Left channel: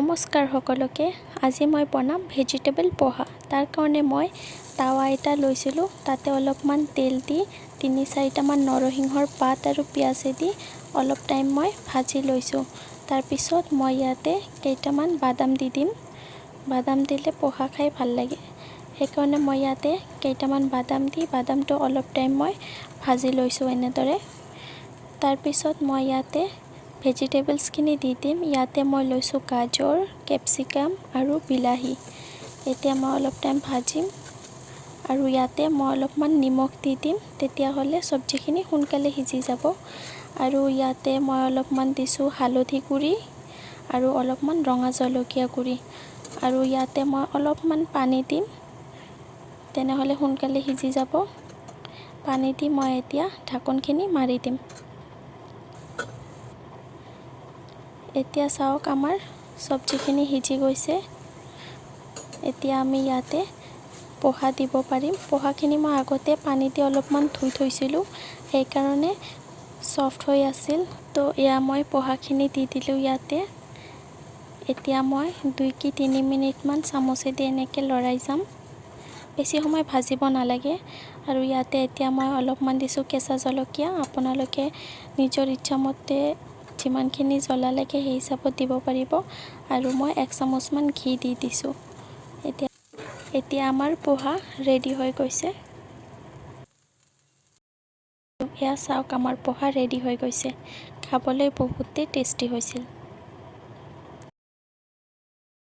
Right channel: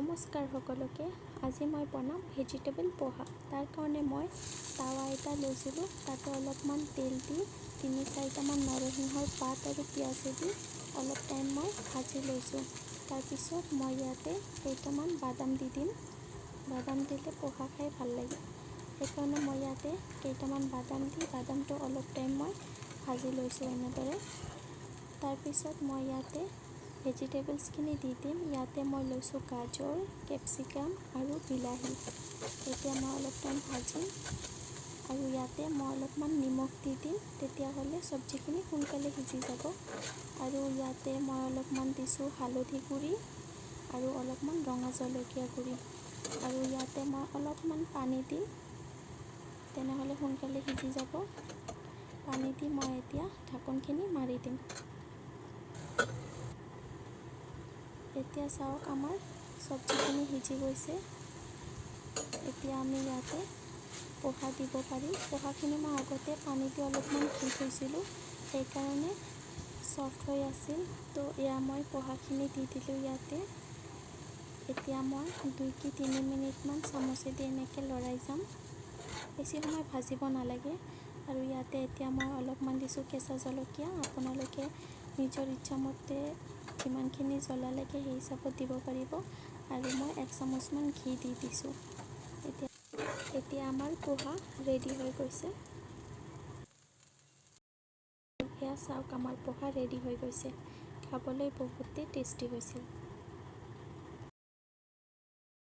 নমস্কাৰ সকলোকে। আজি মই বনাম ভেজিটেবল পোহা। তাৰ কাৰণে মই তাৱা এটা লৈছিলোঁ, তাতে অলপমান তেল দি ৩-৪টামান নৰসিংহৰ পাত আৰু পিঁয়াজে দি অলপ টাইম মই ভাজি লৈছোঁ। তাৰপিছত মই ইয়াতে কেইটামান বাদাম দি দিম। বাদাম দিলে পোহা খাই ভাল লাগে, সেইকাৰণে মই ইয়াতে কেইটামান বাদাম দি বাদামটো অলপ টাইম মই ভাজি লৈছোঁ এনেদৰে। তাৰপিছত মই ইয়াতে ভেজিটেবলছখিনি দি দিম। ইয়াতে মই লৈছোঁ গাজৰ, কেপচিকাম আৰু বিলাহী। এতিয়া মই অলপ টাইম ভাজিম আৰু ইয়াতে মই অলপমান নিমখ দি দিম, তেতিয়াহ'লে চব্জিখিনি সোনকালে সিজি যাব। আৰু ইয়াতে মই অলপমান দিছোঁ হালধি গুড়ি আৰু অলপমান ৰঙা জলকীয়া গুড়ি, আৰু ইয়াতে মই অলপমান পানী দিম, তেনেহ'লে সোনকালে সিজি যাব। পানী দি মই এতিয়া ঢাকনখিনি মাৰি দিম। এতিয়া চাওক, আমাৰ চব্জিখিনি সিজি গৈছে। এতিয়া আমি ইয়াতে পোহা দিব পাৰিম। পোহাখিনি মই আগতে পানী দি অলপমান ধুই থৈছিলোঁ, সেইকাৰণে ছফ্ট হৈ আছিল। তো এয়া মই পোহাখিনি দি দিলোঁ ইয়াতে। এতিয়া মই 2-3 মিনিটমান চামুচেদি এনেকৈ লৰাই যাম। বেছি সময় ভাজিব নালাগে। আৰু ইয়াতে এতিয়া মই অলপমান দিছোঁ কেঁচা জলকীয়া। আপোনালোকে নিজৰ ইচ্ছামতে যিমানখিনি জ্বলা লাগে সেই হিচাপত দিব পাৰিব। আৰু মই 1 চামুচমান ঘি দি দিছোঁ। এতিয়া আমাৰ পোহা ৰেডি হৈ গৈছে। এয়া চাওক, আমাৰ পোহা ৰেডি হৈ গৈছে। খাবলৈ বহুতেই টেষ্টি হৈছিল।